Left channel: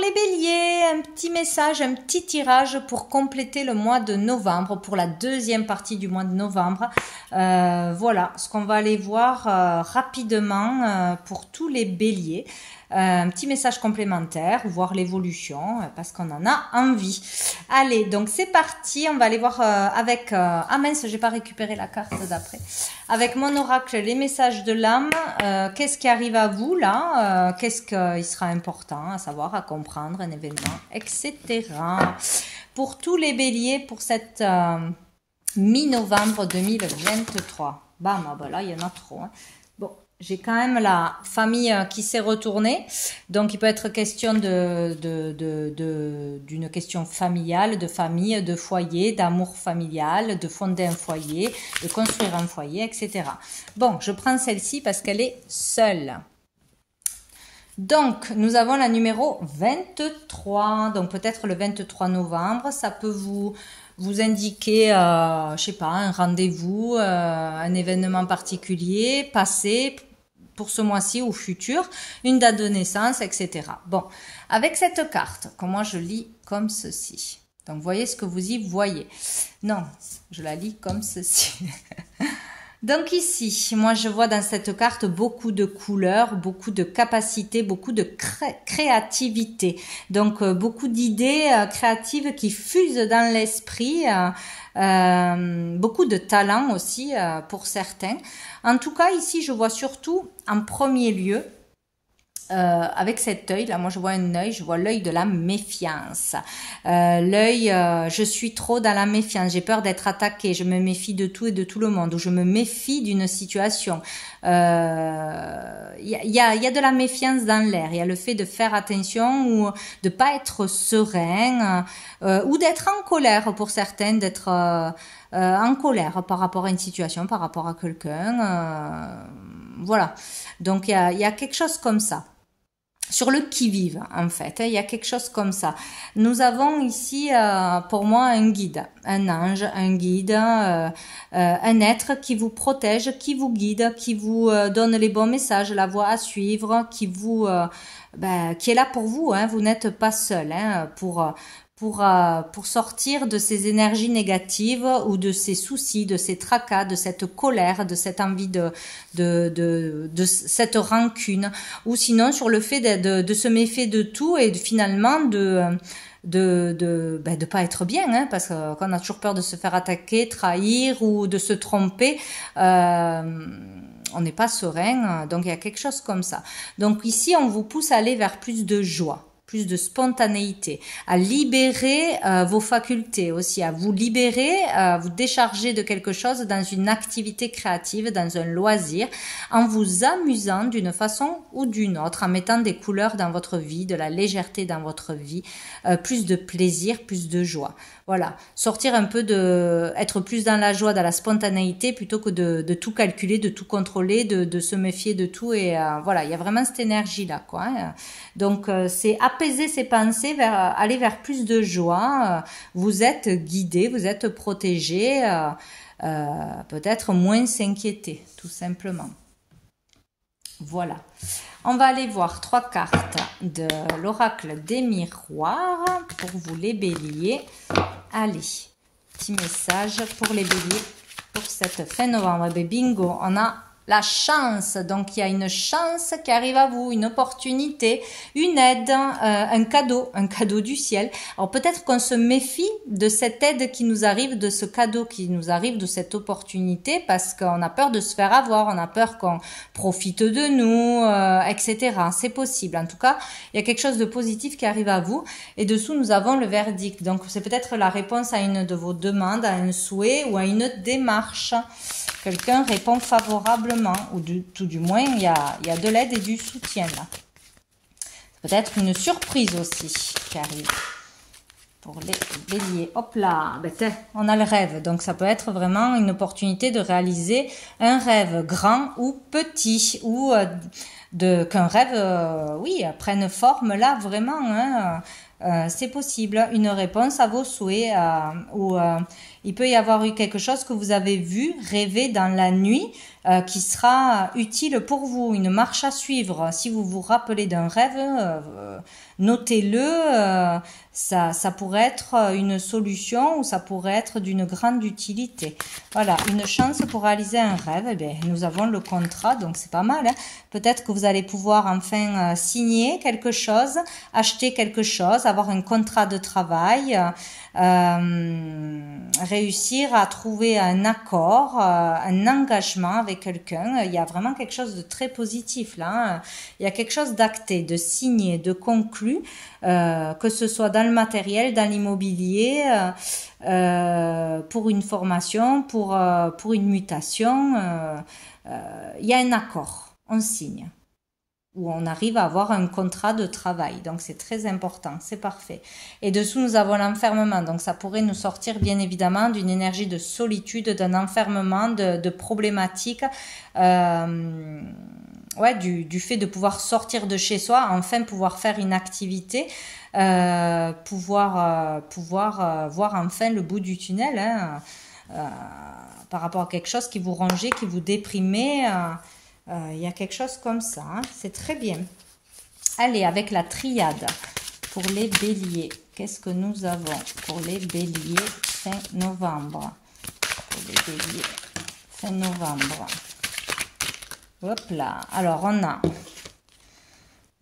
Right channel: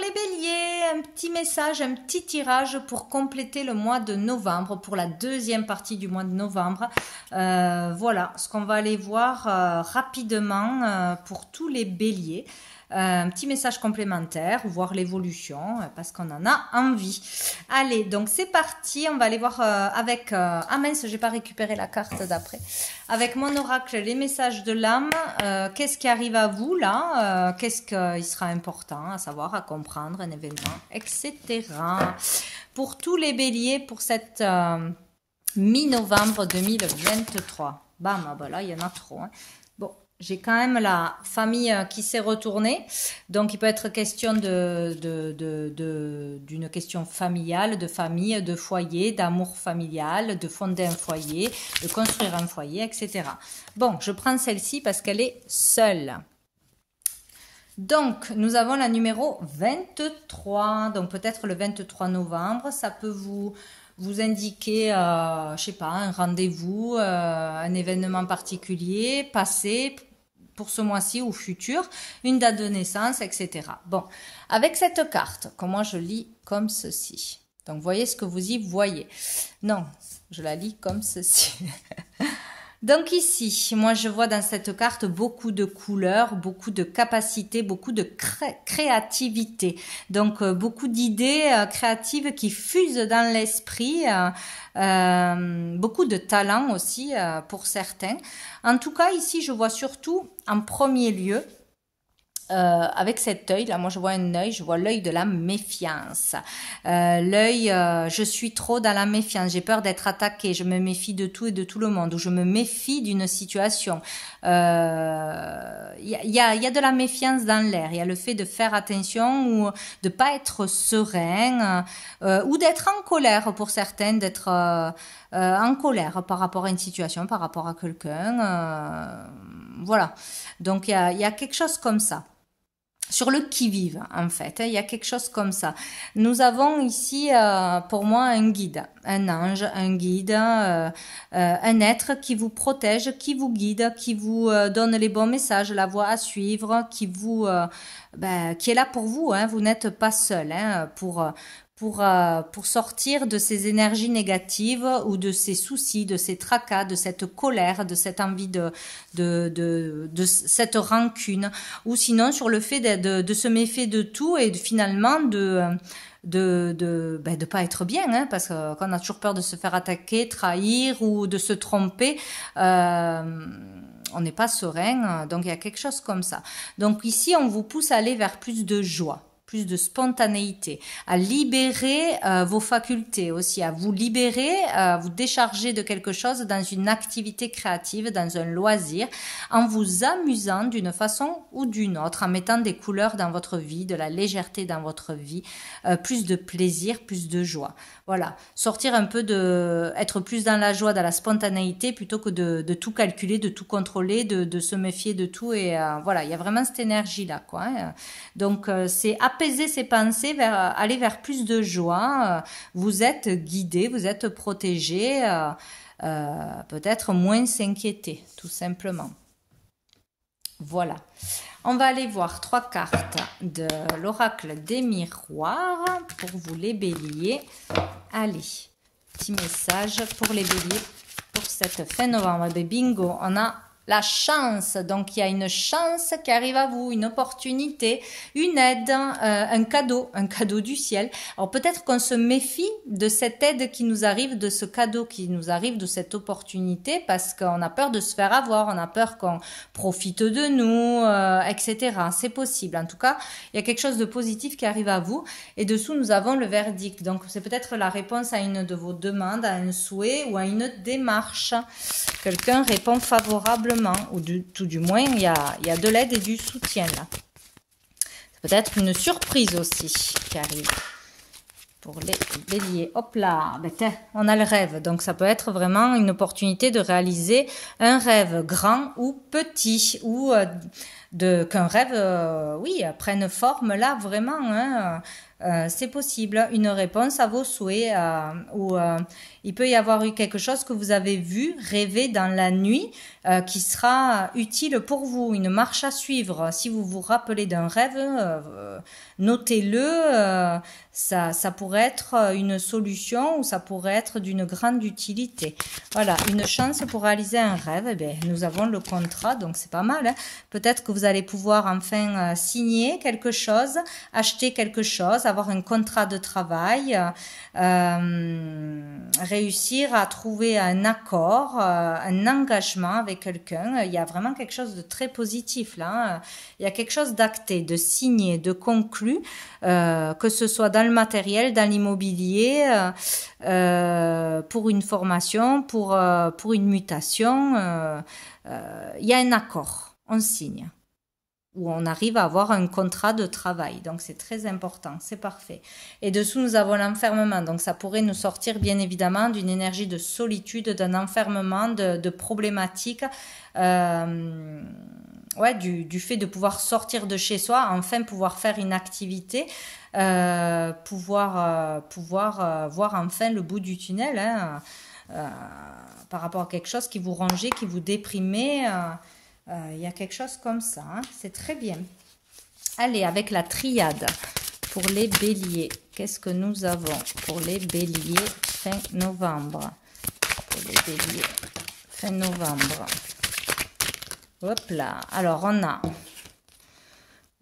Les béliers, un petit message, un petit tirage pour compléter le mois de novembre, pour la deuxième partie du mois de novembre. Voilà ce qu'on va aller voir rapidement pour tous les béliers. Un petit message complémentaire, voir l'évolution, parce qu'on en a envie. Allez, donc c'est parti, on va aller voir avec... ah mince, j'ai pas récupéré la carte d'après. Avec mon oracle, les messages de l'âme, qu'est-ce qui arrive à vous là, qu'est-ce qu'il sera important à savoir, à comprendre, un événement, etc. Pour tous les béliers, pour cette mi-novembre 2023. Bam, ah ben là, il y en a trop. Hein. Bon, j'ai quand même la famille qui s'est retournée. Donc, il peut être question d'une question familiale, de famille, de foyer, d'amour familial, de fonder un foyer, de construire un foyer, etc. Bon, je prends celle-ci parce qu'elle est seule. Donc, nous avons la numéro 23. Donc, peut-être le 23 novembre, ça peut vous indiquer, je sais pas, un rendez-vous, un événement particulier, passé pour ce mois-ci ou futur, une date de naissance, etc. Bon, avec cette carte, comment je lis comme ceci. Donc, voyez ce que vous y voyez. Non, je la lis comme ceci. Donc ici, moi je vois dans cette carte beaucoup de couleurs, beaucoup de capacités, beaucoup de créativité. Donc beaucoup d'idées créatives qui fusent dans l'esprit, beaucoup de talent aussi pour certains. En tout cas ici je vois surtout en premier lieu, avec cet œil là, moi je vois un œil, je vois l'œil de la méfiance, l'œil je suis trop dans la méfiance, j'ai peur d'être attaquée, je me méfie de tout et de tout le monde, ou je me méfie d'une situation. Il y a de la méfiance dans l'air, il y a le fait de faire attention ou de pas être serein, ou d'être en colère pour certaines, d'être en colère par rapport à une situation, par rapport à quelqu'un, voilà. Donc il y a quelque chose comme ça. Sur le qui-vive, en fait, il y a quelque chose comme ça. Nous avons ici, pour moi, un guide, un ange, un guide, un être qui vous protège, qui vous guide, qui vous donne les bons messages, la voie à suivre, qui est là pour vous. Hein, vous n'êtes pas seul hein, pour sortir de ces énergies négatives ou de ces soucis, de ces tracas, de cette colère, de cette envie de cette rancune, ou sinon sur le fait de se méfier de tout et finalement de pas être bien, hein, parce qu'on a toujours peur de se faire attaquer, trahir ou de se tromper. On n'est pas serein, donc il y a quelque chose comme ça. Donc ici, on vous pousse à aller vers plus de joie, plus de spontanéité, à libérer vos facultés aussi, à vous libérer, à vous décharger de quelque chose dans une activité créative, dans un loisir, en vous amusant d'une façon ou d'une autre, en mettant des couleurs dans votre vie, de la légèreté dans votre vie, plus de plaisir, plus de joie. Voilà, sortir un peu être plus dans la joie, dans la spontanéité, plutôt que de tout calculer, de tout contrôler, de se méfier de tout. Et voilà, il y a vraiment cette énergie-là, quoi. Hein. Donc, c'est apaiser ses pensées, aller vers plus de joie. Vous êtes guidé, vous êtes protégé, peut-être moins s'inquiéter, tout simplement. Voilà. On va aller voir 3 cartes de l'oracle des miroirs pour vous les béliers. Allez, petit message pour les béliers pour cette fin novembre. Et bingo, on a la chance, donc il y a une chance qui arrive à vous, une opportunité, une aide, un cadeau du ciel. Alors peut-être qu'on se méfie de cette aide qui nous arrive, de ce cadeau qui nous arrive, de cette opportunité, parce qu'on a peur de se faire avoir, on a peur qu'on profite de nous, etc. C'est possible. En tout cas, il y a quelque chose de positif qui arrive à vous. Et dessous, nous avons le verdict. Donc c'est peut-être la réponse à une de vos demandes, à un souhait ou à une démarche. Quelqu'un répond favorablement, ou tout du moins, il y a de l'aide et du soutien là. Peut-être une surprise aussi qui arrive pour les béliers. Hop là, on a le rêve. Donc ça peut être vraiment une opportunité de réaliser un rêve grand ou petit, ou qu'un rêve, oui, prenne forme là, vraiment, hein, c'est possible. Une réponse à vos souhaits, ou il peut y avoir eu quelque chose que vous avez vu, rêvé dans la nuit, qui sera utile pour vous, une marche à suivre. Si vous vous rappelez d'un rêve, notez-le, ça pourrait être une solution ou ça pourrait être d'une grande utilité. Voilà, une chance pour réaliser un rêve, eh bien, nous avons le contrat, donc c'est pas mal, hein. Peut-être que vous allez pouvoir enfin signer quelque chose, acheter quelque chose, avoir un contrat de travail, réussir à trouver un accord, un engagement avec quelqu'un. Il y a vraiment quelque chose de très positif là, hein. Il y a quelque chose d'acté, de signé, de conclu, que ce soit dans le matériel, dans l'immobilier, pour une formation, pour une mutation. Il y a un accord, on signe, où on arrive à avoir un contrat de travail. Donc c'est très important, c'est parfait. Et dessous, nous avons l'enfermement. Donc ça pourrait nous sortir bien évidemment d'une énergie de solitude, d'un enfermement, de problématiques, ouais, du fait de pouvoir sortir de chez soi, enfin pouvoir faire une activité, pouvoir voir enfin le bout du tunnel, hein, par rapport à quelque chose qui vous rongeait, qui vous déprimait. Il y a quelque chose comme ça, hein. C'est très bien. Allez, avec la triade pour les béliers, qu'est-ce que nous avons pour les béliers fin novembre? Pour les béliers fin novembre. Hop là. Alors, on a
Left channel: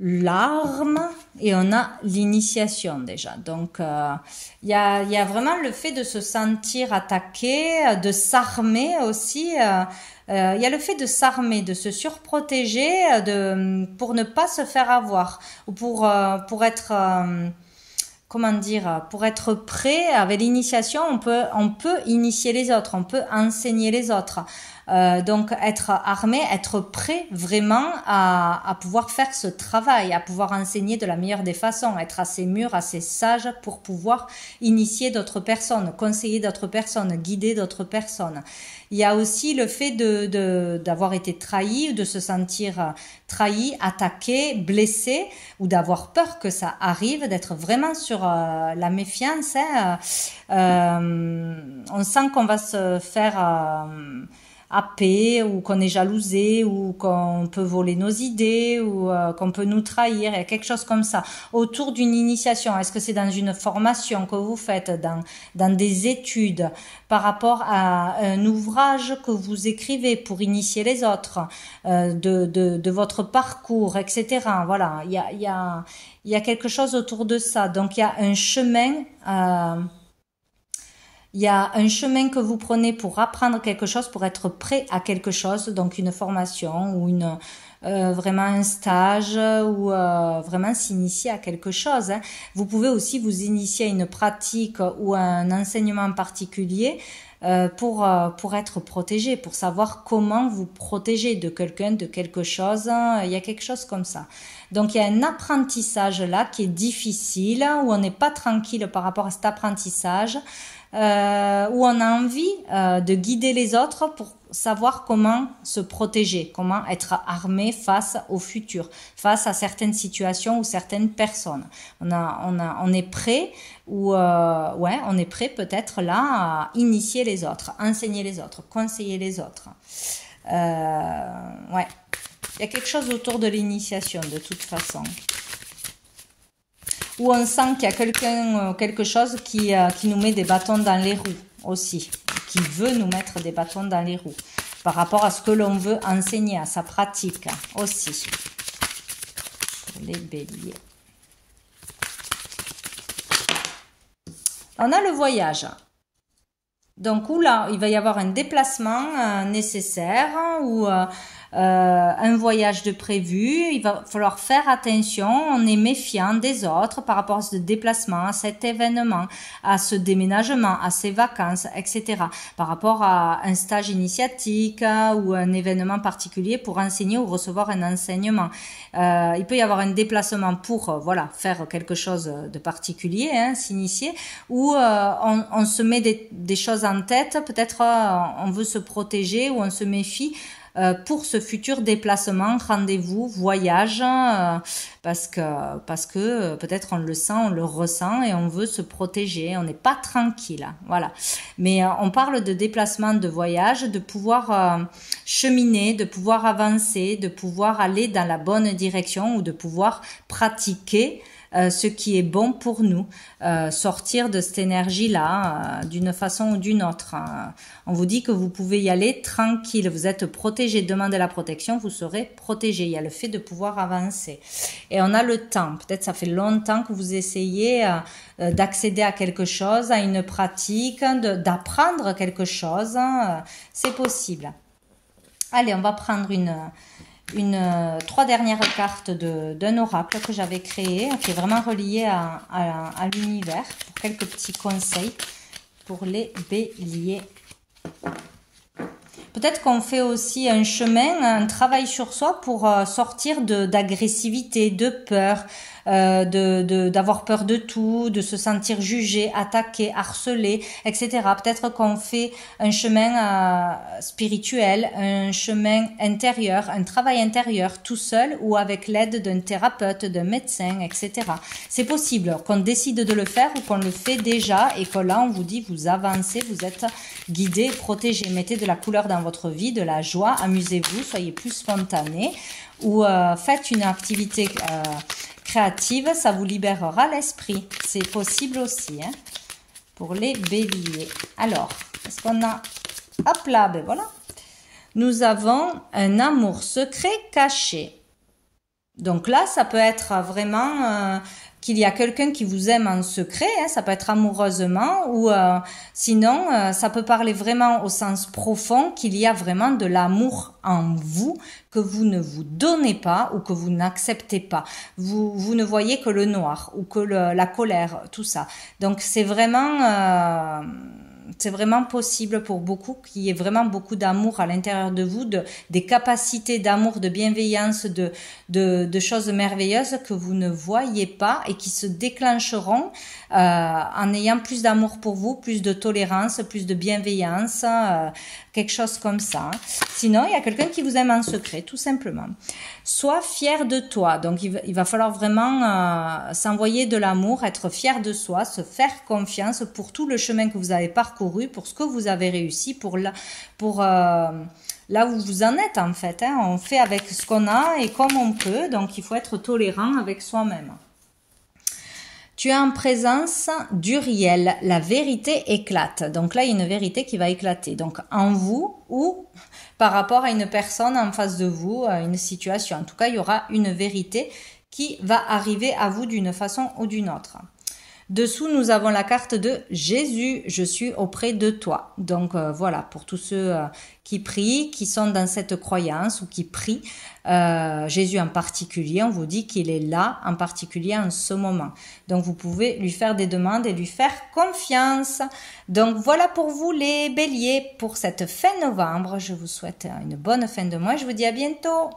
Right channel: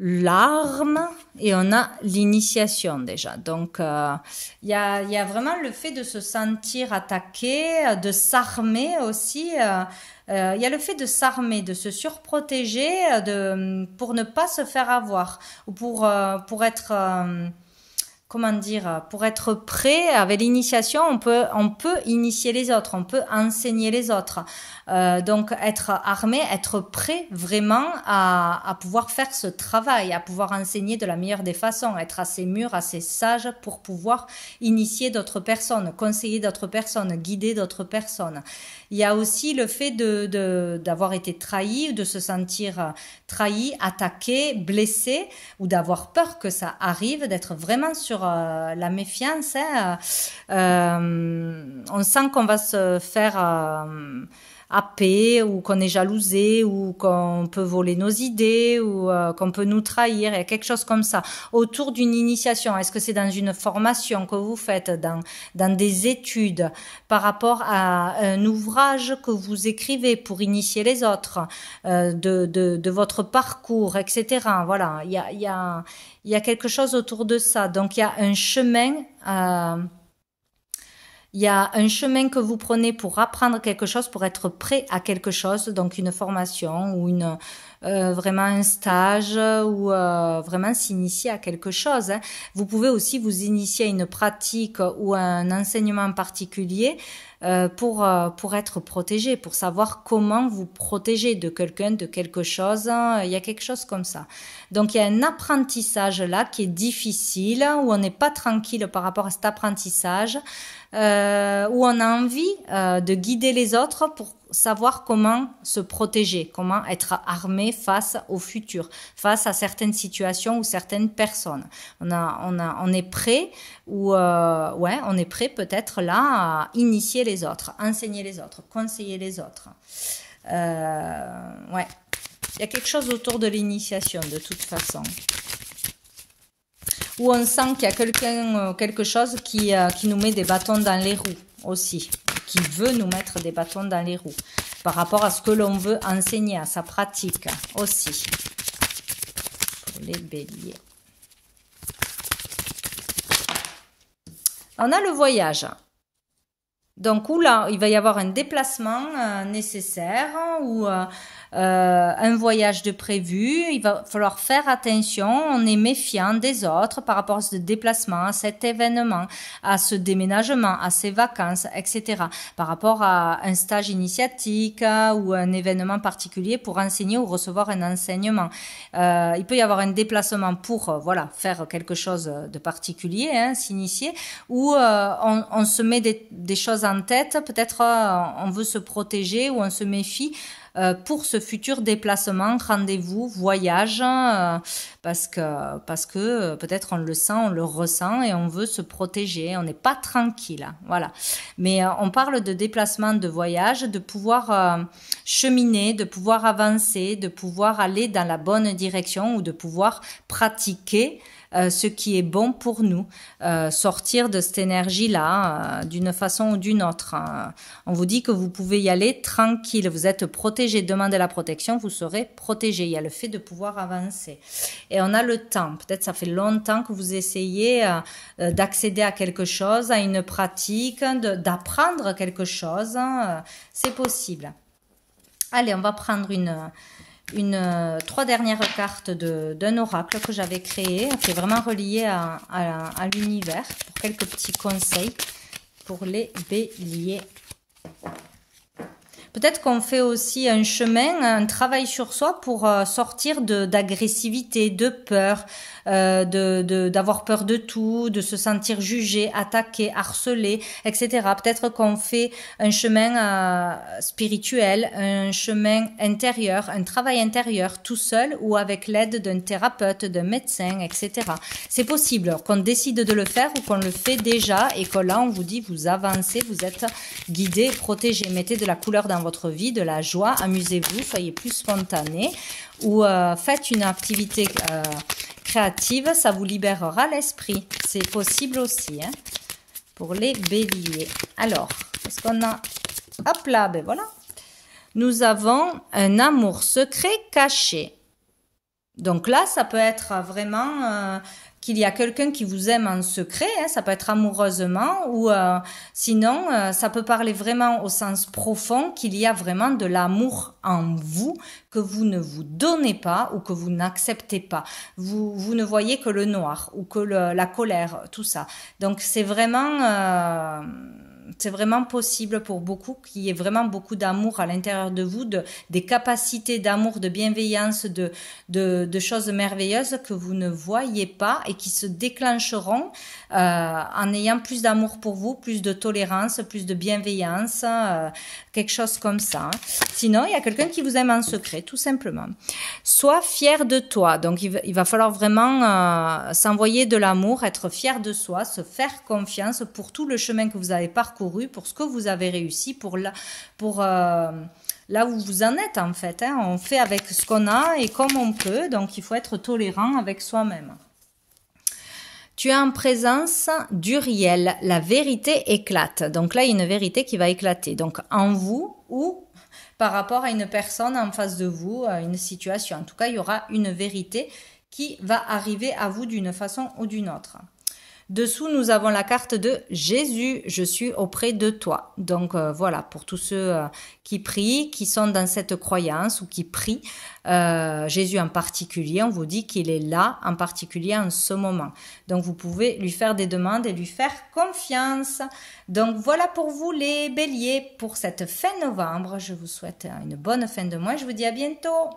l'arme et on a l'initiation déjà. Donc, il y a vraiment le fait de se sentir attaqué, de s'armer aussi. Il y a le fait de s'armer, de se surprotéger, pour ne pas se faire avoir, ou pour être... comment dire, pour être prêt avec l'initiation, on peut initier les autres, on peut enseigner les autres. Donc être armé, être prêt vraiment à pouvoir faire ce travail, à pouvoir enseigner de la meilleure des façons, être assez mûr, assez sage pour pouvoir initier d'autres personnes, conseiller d'autres personnes, guider d'autres personnes. Il y a aussi le fait d'avoir été trahi, de se sentir trahi, attaqué, blessé, ou d'avoir peur que ça arrive, d'être vraiment sur la méfiance, hein. On sent qu'on va se faire happer, ou qu'on est jalousé, ou qu'on peut voler nos idées, ou qu'on peut nous trahir. Il y a quelque chose comme ça autour d'une initiation. Est-ce que c'est dans une formation que vous faites, dans des études, par rapport à un ouvrage que vous écrivez pour initier les autres, de votre parcours, etc. Voilà, il y a quelque chose autour de ça. Donc il y a un chemin. Il y a un chemin que vous prenez pour apprendre quelque chose, pour être prêt à quelque chose, donc une formation ou vraiment un stage, ou vraiment s'initier à quelque chose, hein. Vous pouvez aussi vous initier à une pratique ou à un enseignement particulier, pour être protégé, pour savoir comment vous protéger de quelqu'un, de quelque chose. Il y a quelque chose comme ça. Donc il y a un apprentissage là qui est difficile, où on n'est pas tranquille par rapport à cet apprentissage, où on a envie de guider les autres pour savoir comment se protéger, comment être armé face au futur, face à certaines situations ou certaines personnes. On est prêt, ou ouais, on est prêt peut-être là à initier les autres, enseigner les autres, conseiller les autres. Ouais, il y a quelque chose autour de l'initiation de toute façon, où on sent qu'il y a quelque chose qui nous met des bâtons dans les roues aussi, qui veut nous mettre des bâtons dans les roues par rapport à ce que l'on veut enseigner, à sa pratique aussi. Les béliers. On a le voyage. Donc, là, il va y avoir un déplacement nécessaire, ou un voyage de prévu. Il va falloir faire attention. On est méfiant des autres par rapport à ce déplacement, à cet événement, à ce déménagement, à ces vacances, etc. Par rapport à un stage initiatique ou un événement particulier pour enseigner ou recevoir un enseignement. Il peut y avoir un déplacement pour voilà, faire quelque chose de particulier, hein, s'initier, ou on se met des choses en tête. Peut-être on veut se protéger, ou on se méfie pour ce futur déplacement, rendez-vous, voyage, parce que peut-être on le sent, on le ressent et on veut se protéger, on n'est pas tranquille, voilà. Mais on parle de déplacement, de voyage, de pouvoir cheminer, de pouvoir avancer, de pouvoir aller dans la bonne direction ou de pouvoir pratiquer ce qui est bon pour nous, sortir de cette énergie-là d'une façon ou d'une autre. On vous dit que vous pouvez y aller tranquille, vous êtes protégé, demandez la protection, vous serez protégé. Il y a le fait de pouvoir avancer. Et on a le temps, peut-être ça fait longtemps que vous essayez d'accéder à quelque chose, à une pratique, d'apprendre quelque chose, c'est possible. Allez, on va prendre trois dernières cartes d'un oracle que j'avais créé, qui est vraiment relié à l'univers, pour quelques petits conseils pour les béliers. Peut-être qu'on fait aussi un chemin, un travail sur soi pour sortir d'agressivité, de peur, d'avoir peur de tout, de se sentir jugé, attaqué, harcelé, etc. Peut-être qu'on fait un chemin spirituel, un chemin intérieur, un travail intérieur tout seul ou avec l'aide d'un thérapeute, d'un médecin, etc. C'est possible qu'on décide de le faire ou qu'on le fait déjà et que là on vous dit vous avancez, vous êtes guidé, protégé, mettez de la couleur dans votre vie, de la joie, amusez-vous, soyez plus spontané ou faites une activité créative, ça vous libérera l'esprit. C'est possible aussi hein, pour les béliers. Alors, qu'est-ce qu'on a? Hop là, ben voilà. Nous avons un amour secret caché. Donc là, ça peut être vraiment qu'il y a quelqu'un qui vous aime en secret, hein, ça peut être amoureusement ou sinon, ça peut parler vraiment au sens profond qu'il y a vraiment de l'amour en vous que vous ne vous donnez pas ou que vous n'acceptez pas. Vous ne voyez que le noir ou que la colère, tout ça. Donc c'est vraiment possible pour beaucoup qu'il y ait vraiment beaucoup d'amour à l'intérieur de vous, des capacités d'amour, de bienveillance, de choses merveilleuses que vous ne voyez pas et qui se déclencheront en ayant plus d'amour pour vous, plus de tolérance, plus de bienveillance, quelque chose comme ça. Hein. Sinon, il y a quelqu'un qui vous aime en secret, tout simplement. Sois fier de toi. Donc, il va falloir vraiment s'envoyer de l'amour, être fier de soi, se faire confiance pour tout le chemin que vous avez parcouru, pour ce que vous avez réussi, pour là où vous en êtes en fait. Hein. On fait avec ce qu'on a et comme on peut, donc il faut être tolérant avec soi-même. Tu es en présence d'Uriel, la vérité éclate. Donc là, il y a une vérité qui va éclater. Donc en vous ou par rapport à une personne en face de vous, à une situation. En tout cas, il y aura une vérité qui va arriver à vous d'une façon ou d'une autre. Dessous, nous avons la carte de Jésus, je suis auprès de toi. Donc voilà, pour tous ceux qui prient, qui sont dans cette croyance ou qui prient, Jésus en particulier, on vous dit qu'il est là, en particulier en ce moment. Donc vous pouvez lui faire des demandes et lui faire confiance. Donc voilà pour vous les béliers, pour cette fin novembre. Je vous souhaite une bonne fin de mois, je vous dis à bientôt.